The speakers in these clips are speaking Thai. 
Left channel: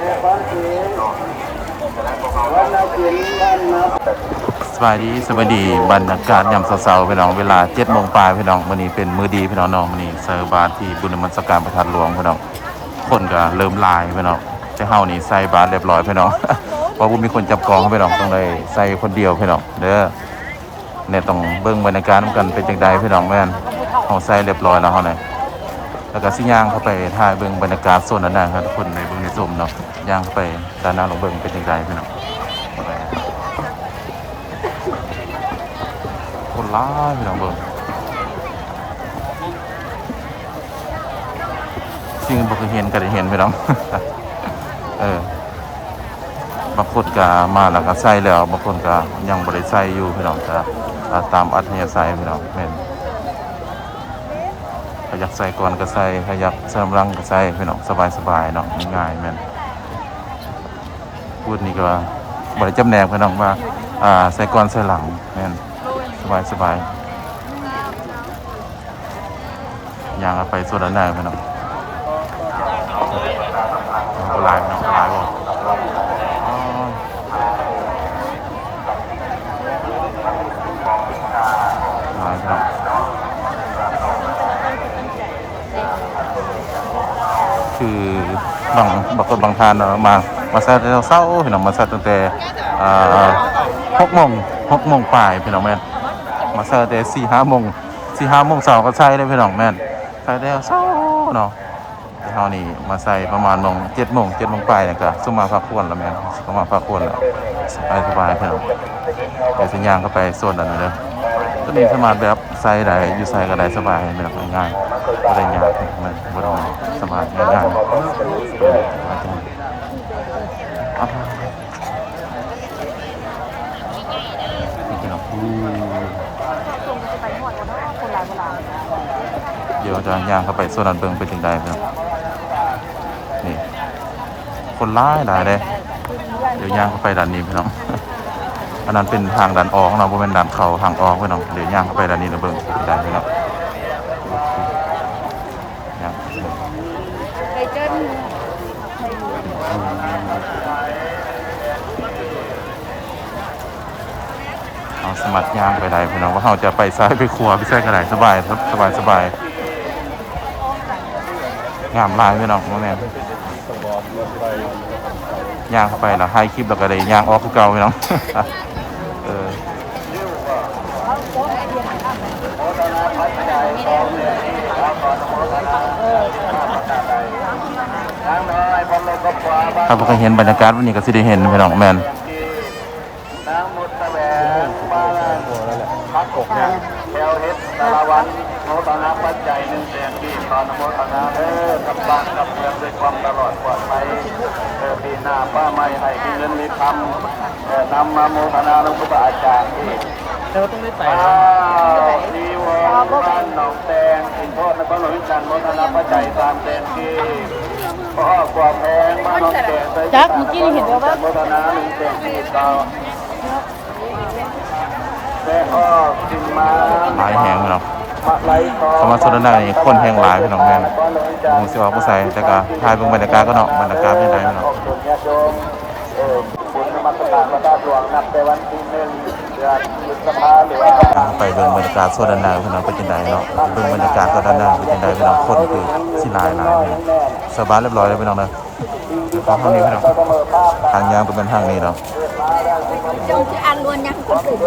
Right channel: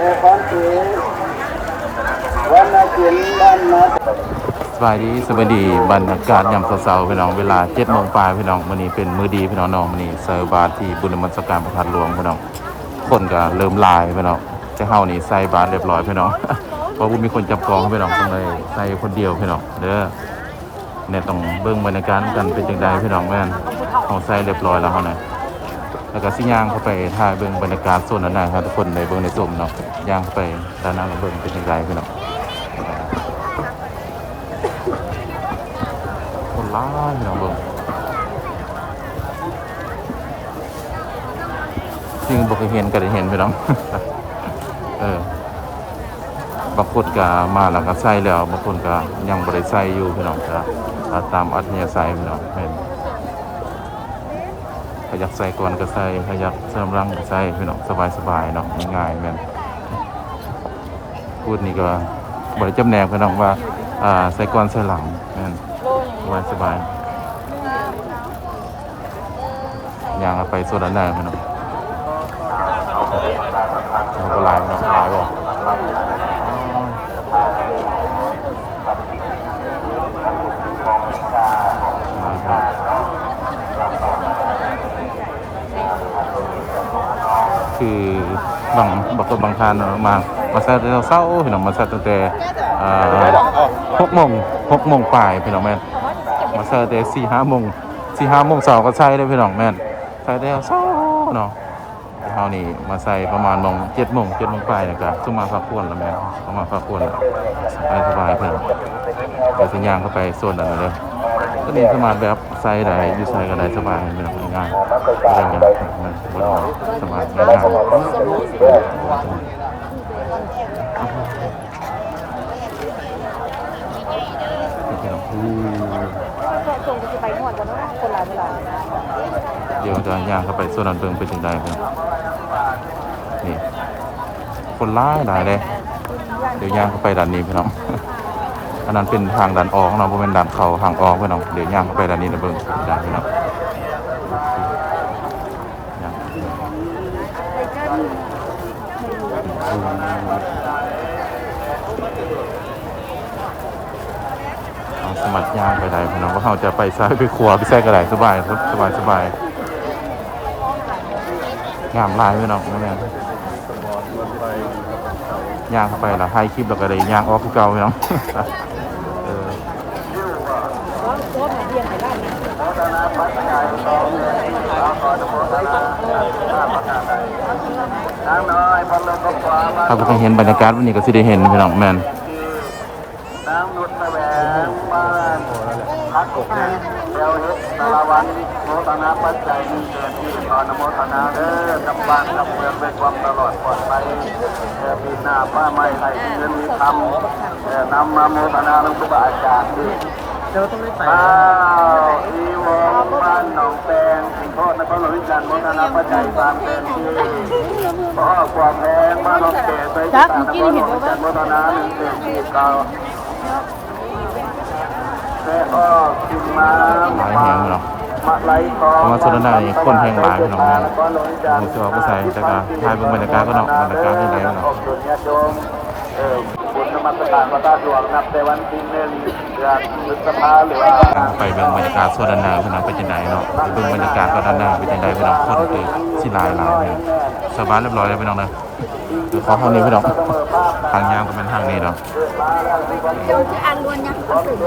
สวัสดีสวัสดีบรรยากาศยามเช้าๆพี่น้องเวลา7 โมงปลายพี่น้องวันนี้เป็นมื้อดีพี่น้องวันนี้เซอร์บาทที่บุญนมัสการประทัดหลวงพี่น้องคนก็เริ่มลายพี่น้องจะเฮานี่ใส่บาตรเรียบร้อยพี่น้อง เพราะว่ามีคนจับกองพี่น้องต้องเลยใส่คนเดียวพี่น้องเด้อเนี่ยต้องเบิ่งบรรยากาศกันเป็นจังไดพี่น้องแม่นเฮาใส่เรียบร้อยแล้วเฮาเนี่ยแล้วก็สิย่างเข้าไปถ่ายเบิ่งบรรยากาศโซนนั้นนะครับทุกคนในเบิ่งในชมเนาะย่างเข้าไปด้านหน้าลงเบิ่งเป็นจังไดพี่น้องคนร้ายพี่น้องเบิ่งสิ่งบ่เคยเห็นก็ได้เห็นพี่น้อง บางคนก็มาแล้วก็ใส่แล้วบางคนก็ยังบ่ได้ใส่อยู่พี่น้องก็ตามอัธยาศัยพี่น้องเห็นถ้าอยากใส่ก่อนก็ใส่ถ้าอยากเสริมรังก็ใส่พี่น้องสบายๆเนาะง่ายๆแม่นพูดนี่ก็บ่ได้จำแนกพี่น้องว่าใส่ก่อนใส่หลังแม่นสบายๆย่างไปส่วนนั้นได้พี่น้องเอาบ่หลายพี่น้องหลายบ่คืบางทานมาใส่เช้าพี่น้องมาใส่ตั้งแต่6 โมงปลายพี่น้องแม่นมาใส่แต่4-5 โมง4-5 โมงเช้าก็ใส่ได้พี่น้องแม่นใส่แต่เช้าเนาะเฮานี่มาใส่ประมาณ7 โมงปลายนี่ก็สุมาพักผ่อนแล้วแม่นสุมาพักผ่อนแล้วสบายพี่น้องเดี๋ยวสิย่างเข้าไปโซนนั้นเด้อตัวนี้สามารถแบบใส่ได้อยู่ใส่ก็ได้สบายพี่น้องง่ายบ่ได้ยากมันบ่ต้องสบายง่ายพี่น้องเดี๋ยวจะย่างเข้าไปโซนนั้นเบิ่งไปถึงใดพี่น้องนี่คนร้ายหลายเลยเดี๋ยวย่างเข้าไปด้านนี้พี่น้องอันนั้นเป็นทางด้านออกเนาะบ่แม่นด้านเข้าทางออกพี่น้องเดี๋ยวย่างเข้าไปด้านนี้แล้วเบิ่งไปถึงใดพี่น้องเอาสมัครย่างไปได้พี่น้องว่าเราจะไปซ้ายไปขวาไปใส่ก็ได้สบายงามลายพี่น้องแม่ย่างเข้าไปแล้วถ่ายคลิปแล้วก็ได้ย่างออกคือเก่าพี่น้องถ้าพวกเห็นบรรยากาศวันนี้ก็สิได้เห็นพี่น้องแม่นสารวัตรโมทนาปัจจัย100,000ที่ขอนโมทนาเด้อกับบ้านกับเมืองในความตลอดปลอดภัยปีหน้าป้าไม่ให้ที่เงินมีคำนำมาโมทนาหลวงปู่อาจารย์ที่เจ้าต้องได้ไปดีวงบ้านหนองแตงโทษนครหลวงวิจารณ์โมทนาปัจจัย3 แสนที่พ่อกว่าแพงมาลงแก่ไปจักเมื่อกี้เห็นว่าโมทนา1 แสนที่ต่อหลายแห่งพี่น้องสมาชิกได้คนแห่งหลายพี่น้องแม่ผู้เสียผู้ใส่แต่ก็ถ่ายเบิ่งบรรยากาศก็เนาะบรรยากาศเป็นไงพี่น้องไปเบิ่งบรรยากาศส่วนด้านหน้าพี่น้องเป็นจังไดเนาะไปเบิ่งบรรยากาศก็ด้านหน้าเป็นจังไดพี่น้องคนคือสิหลายพี่น้องสบายเรียบร้อยแล้วพี่น้องเด้อเดี๋ยวขอทางนี้พี่น้องทางยาวก็เป็นทางนี้เนาะจงจะอ่านล้วนยังคนตื่น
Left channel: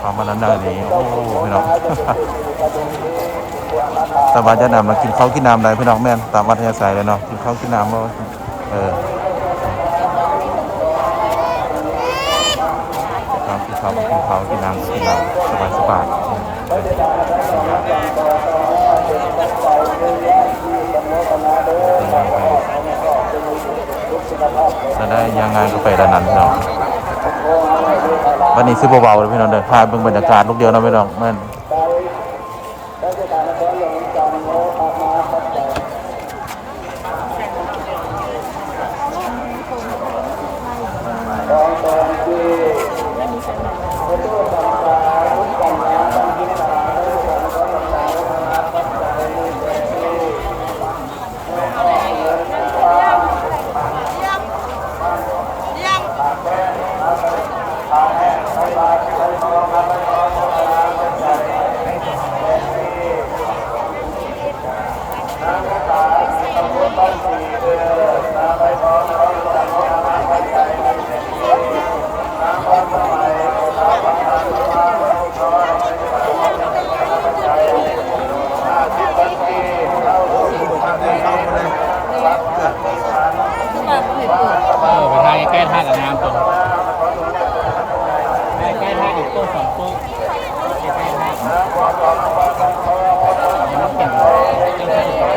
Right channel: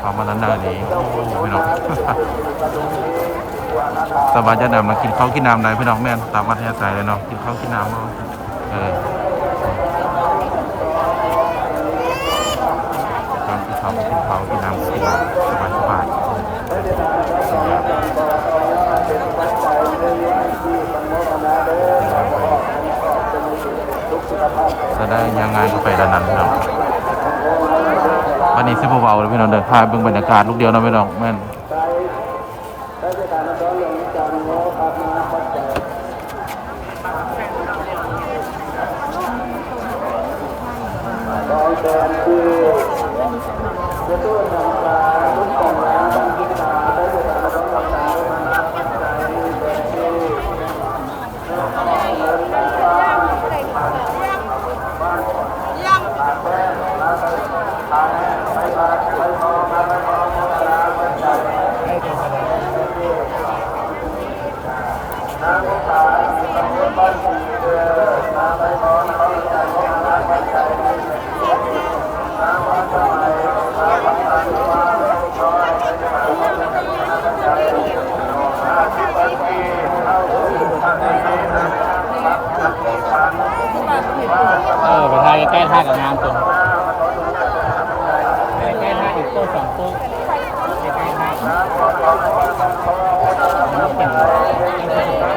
ความมันนั้นได้เลยโอ้พี่น้องสบายจะนำมากินข้าวกินน้ำได้พี่น้องแม่นตามวัดยาสายเลยเนาะกินข้าวกินน้ำเนาะกินข้าวกินน้ำสบายจะได้ยังไงก็ไปด้านนั้นพี่น้องวันนี้ซื้อเบาๆเลยพี่น้องเดินทางเบิ่งบรรยากาศลูกเดียวนะพี่น้องแม่น สองโต๊ะใกล้ๆบ้านน้ำเป็นจังสิบบา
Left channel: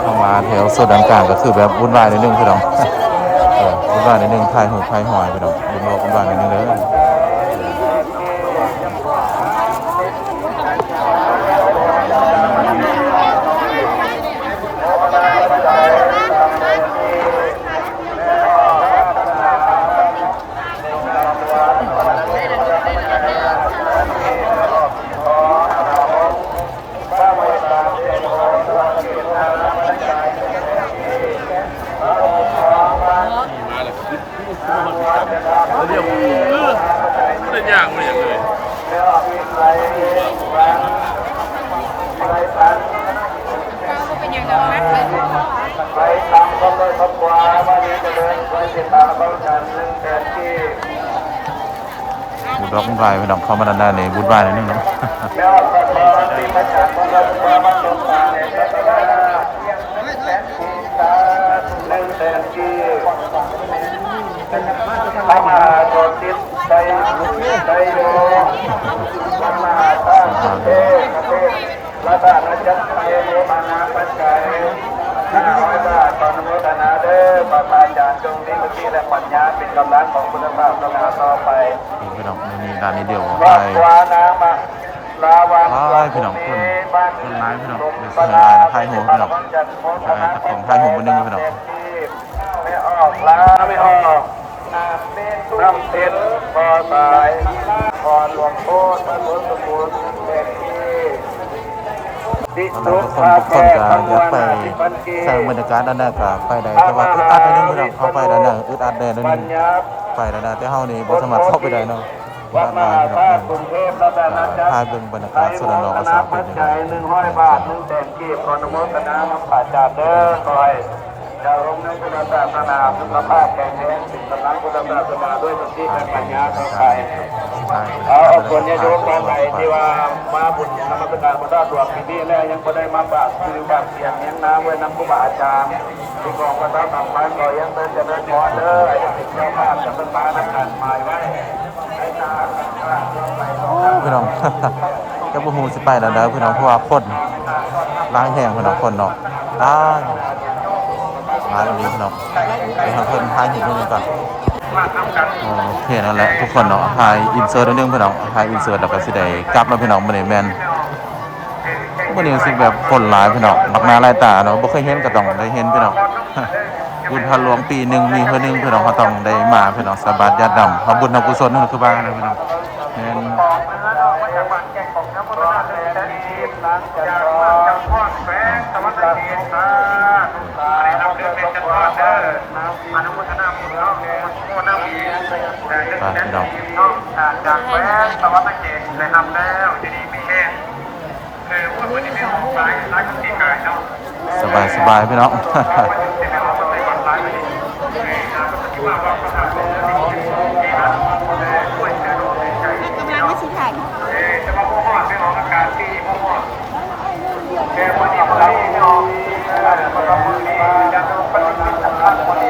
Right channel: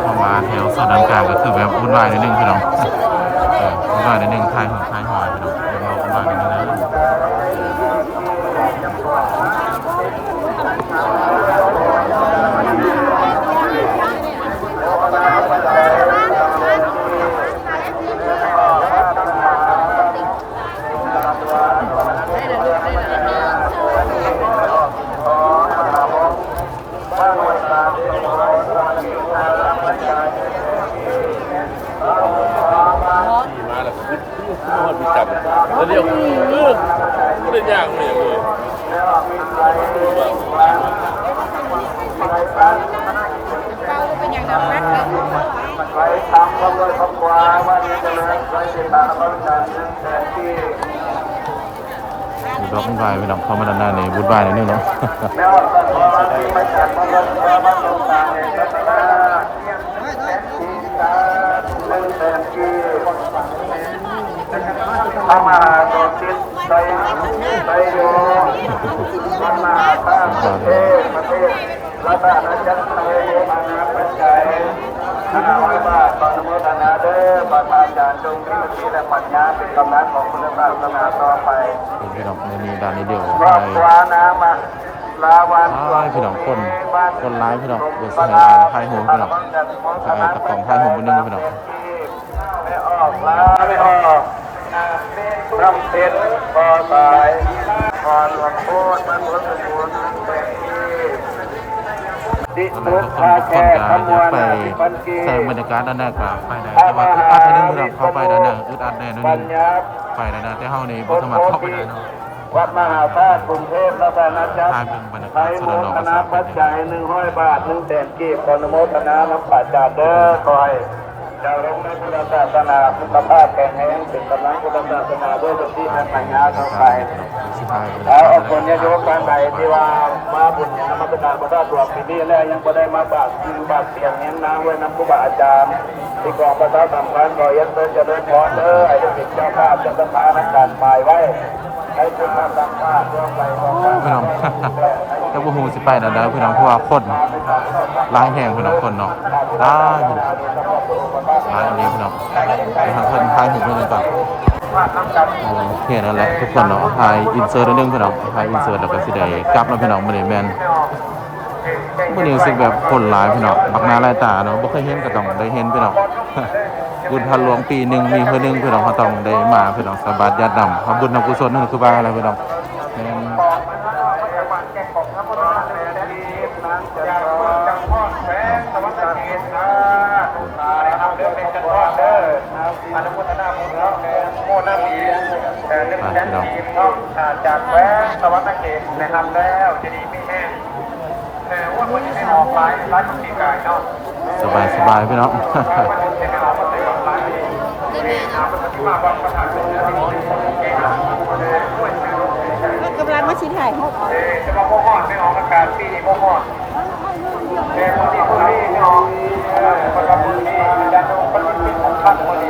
เข้ามาแถวโซนด้านกลางก็คือแบบวุ่นวายนิดนึงพี่น้องวุ่นวายนิดนึงทายหอยพี่น้องเดี๋ยวเราวุ่นวายนิดนึงเลยเรียกไม่ได้ยากเลยเลยเราก็เป็นอย่างนั้นนะไปตามคนเลยครอบครัววันนี้จะเลยไปติดตามเขาจัดแทนที่บุญรักบุญวายพี่น้องเข้ามาด้านหน้านี่บุญวายนิดนึงเนาะแล้วก็ขอที่มาจัดของเราก็มาสงสารเจ้าตาหนึ่งแสนที่พระมหาโกศิษย์ไปอยู่พระมหาข้าประเทศพระบาทราชาโยอาณาปัจจัย500 บาทตอนนโมทนาเด้อขออาจารย์จงมีวิธีและปัญญาเป็นกำลังของพุทธศาสนาต่อไปพี่น้องในนี้ด้านนี้เดียวไปพี่น้องคนร้ายพี่น้องเดี๋ยวเสียดายนะไทยหัวพี่น้องตะกองไทยหัวมันนึงพี่น้องไม่ออกล้าไม่ออกรำเต็นพอตายพอหลวงพ่อมันหลวงปู่เป็นที่ดิรุพาแก่ขมวลไปใส่บรรยากาศด้านหน้ากับไปได้แต่ว่าอึดอัดนิดนึงพี่น้องเข้าไปด้านหน้าอึดอัดแน่นิดนึงไปด้านหน้าแต่เฮานี่บ่สามารถเข้าไปได้นะวัดมหาธาตุกรุงเทพและบรรณาจักรพาเป็นบรรยากาศสุดหล่ออาสาเป็น100 บาท1 แสนกีบขออนุโมทนารับปัจจาเด้อคอยจะลงในพุทธศาสนาพระภาคแก่งแห่งเป็นกำลังพุทธศาสนาด้วยเป็นที่ปัญญาต่อไปเอาคนญาโยมท่านใดที่ว่ามาบุญญามาประทานพุทธตัวปีนี้แล้วยังไม่ได้มาบาตรบาตรเสียงยังน้ำไว้น้ำผู้บาอาจารย์ที่กองพระธาตุสำคัญแก่ยังเดินจะเดินพอเด้อให้ติดใจขาดจะเป็นมานักการหมายไว้ให้คุณทำตามตาเพื่อไปพี่น้องจะบุหูสิไปแล้วเด้อพี่น้องเพราะว่าคนล้างแห้งพี่น้องคนเนาะได้ร้านนี้พี่น้องไปทางคนถ่ายหินด้วยกันก่อนโอเคนั่นแหละทุกคนเนาะถ่ายอินเสิร์ตนิดนึงพี่น้องถ่ายอินเสิร์ตแล้วก็สิได้กลับแล้วพี่น้องมื้อนี้แม่นมื้อนี้รู้สึกแบบคนหลายพี่น้องมักหน้าหลายตาเนาะบ่เคยเห็นก็ต้องได้เห็นพี่น้องบุญพันหลวงปีนึงมีเพิ่นนึงพี่น้องก็ต้องได้มาพี่น้องสาบานญาติดำทำบุญทำกุศลนั่นคือว่าอะไรพี่น้องแม่นจากเมืองจำพอดแฝงตะวันตกเฉียงใต้นำเดินเป็นจังหวัดเด้ออนุโมทนาบุญแล้วโมนามี1 แสนกีบเนาะจากแฝงตะวันตกเฉียงนะครับแล้วจะดีมีแห้งว่าคนที่ไม่ออกมาร้ายกับตีกายเนาะสบายพี่น้องกำลังมาชิ้นใหญ่ห้องจะมาโมหอนไม่ออกการที่โมหอนแกมือดีไม่ออกมันก็มือดียันดูปฏิทินสำคัญมือดี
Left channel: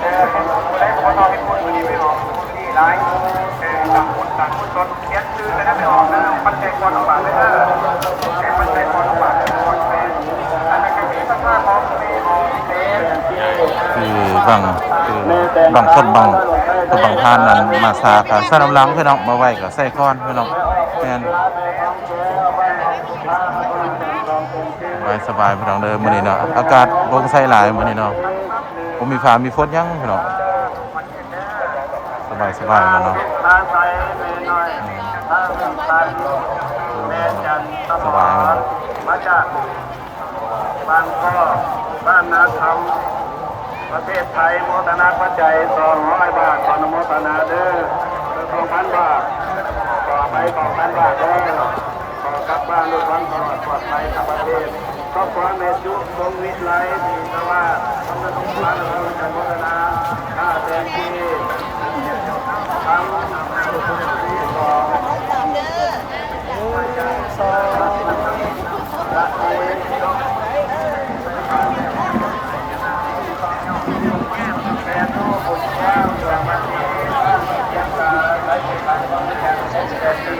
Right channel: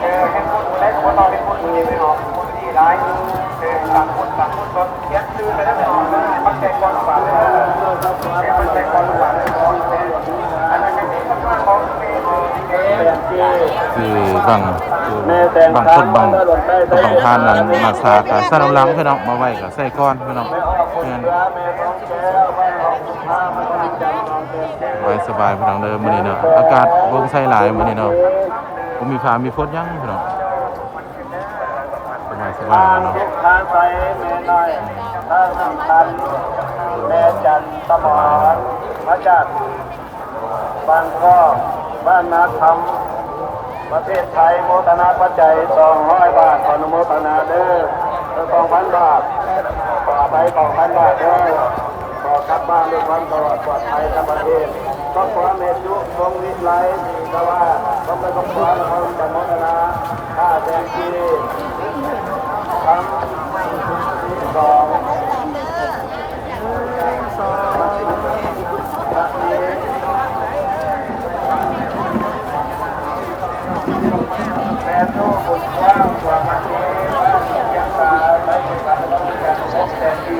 เห็นคน ได้ก็บ่ต้องให้พูดมีไม่ออกพูดที่ร้ายต่างคนต่างคนตนเขียนชื่อแต่ไม่ออกนะมันใจก่อนบาทเลยนะมันใจก่อนบาทเลยก่อนเลยอันนั้นก็คือท่าของเมย์ของเมย์ คือบางคนบางท่านนั้นมาซากับสนามหลังพี่น้องมาไว้กับใส่ก้อนพี่น้องแม่นสบายพี่น้องเด้อมื้อนี้เนาะอากาศบ่ใส่หลายมื้อนี้เนาะบ่มีฟ้ามีฝนยังพี่น้องสบายเนาะ ทางไทยเมย์น้อยทางพันเมย์จันตะมอนมาจากบางข้อบ้านนาธรรมประเทศไทยโมทนาปัจจัย200 บาทขออนุโมทนาเด้อ 2,000 บาทขอไป2,000 บาทเด้อขอกลับบ้านด้วยความปลอดภัยทั้งประเทศก็ขอเมตตุทรงวิไลแต่ว่าต้องได้ต้องการเราจะโมทนาข้าเป็นที่ทำต่อพระเนรแฟนลูกบุญกว้างกว่ามาดีบ้านยังตาใช้เป็นการต้องการใช้แต่ดี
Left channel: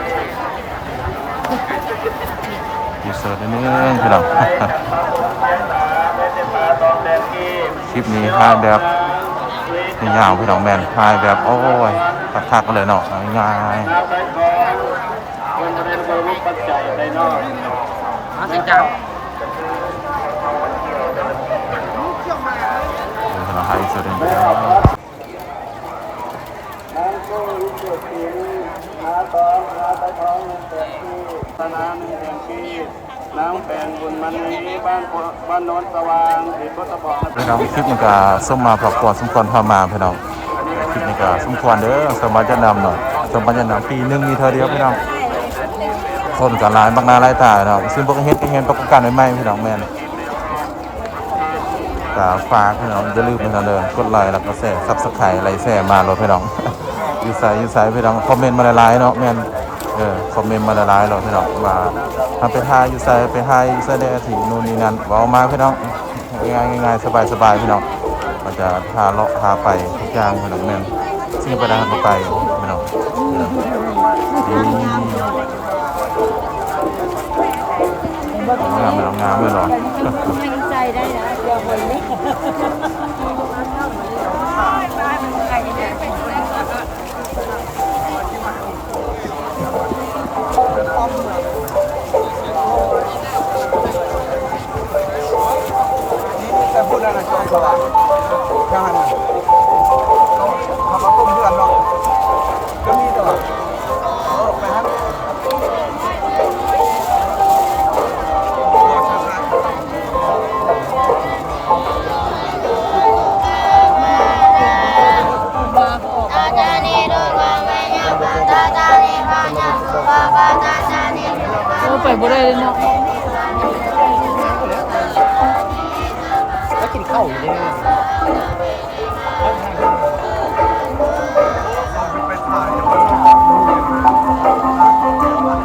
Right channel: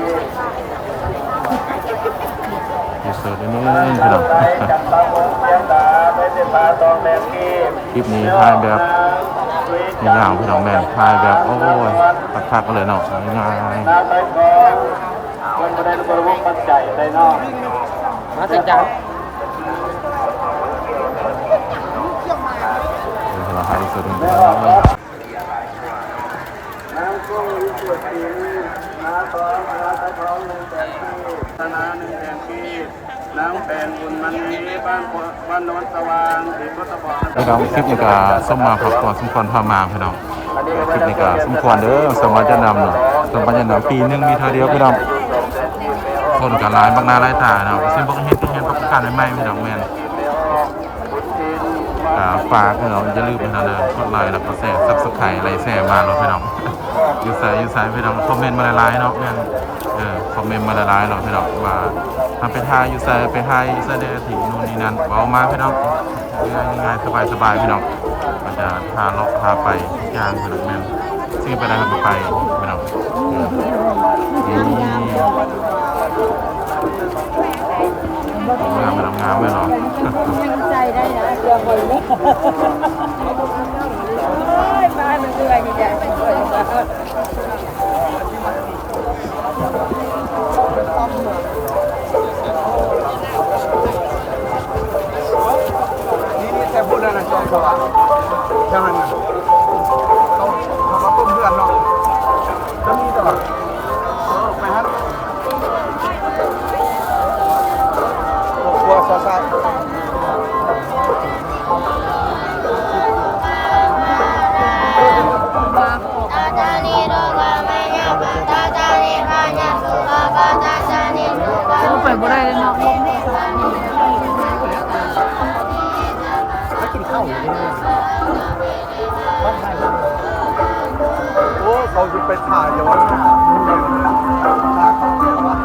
มีสดนิดนึงพี่น้องคลิปนี้ถ่ายแบบยาวพี่น้องแม่นถ่ายแบบโอ้ยทักๆกันเลยเนาะง่าย คนจะได้รู้ว่าปัจจัยได้นอก มาถึงจับ เราให้สุดเลย น้ำก็รู้ตัวจริงน้ำท้องน้ำท้องแต่ที่ธนาหนึ่งแดงที่น้ำแผ่นบุญมันนี้บ้านโนนสว่างที่พุทธบอก พี่น้องคลิปนี้ก็ส้มมาพักผ่อนสมควรพามาพี่น้องคลิปนี้ก็สมควรเด้อสมบัติจะนำเนาะสมบัติจะนำปีนึงมีเท่าเดียวพี่น้องคนกับหลายบางนาหลายตาเนาะซึ่งพวกเฮ็ดที่เห็นประกันใหม่ๆพี่น้องแม่นก็ฝากพี่น้องอย่าลืมพี่น้องเด้อกดไลค์แล้วก็แชร์ Subscribe ไลค์แชร์มาแล้วพี่น้องอยู่ไสพี่น้องคอมเมนต์มาหลายๆเนาะแม่นคอมเมนต์มาหลายๆแล้วพี่น้องว่าทำไปทายอยู่ไสไปหาอยู่ไสได้ที่นู่นนี่นั่นเว้ามาพี่น้องง่ายๆสบายๆพี่น้องก็จะพาเลาะพาไปทุกอย่างพี่น้องแม่นซึ่งไปได้ทำไปพี่น้องงามเลยเหรอ ยังใจได้นะเดี๋ยวคนนี้บ้านมันเหนื่อยใหญ่ไปด้วย นี่แต่พูดอะไรจอมสว่างใช่ไหมเขามาต้มเดือนเนาะก็นี่ตลอดไปฮะตัวสายไปบ่ได้เลยเนาะแล้วกินข้าวอยู่เนี่ย โอ้เขาจะไปถ่ายเดี๋ยวถ่ายเดี๋ยวว่า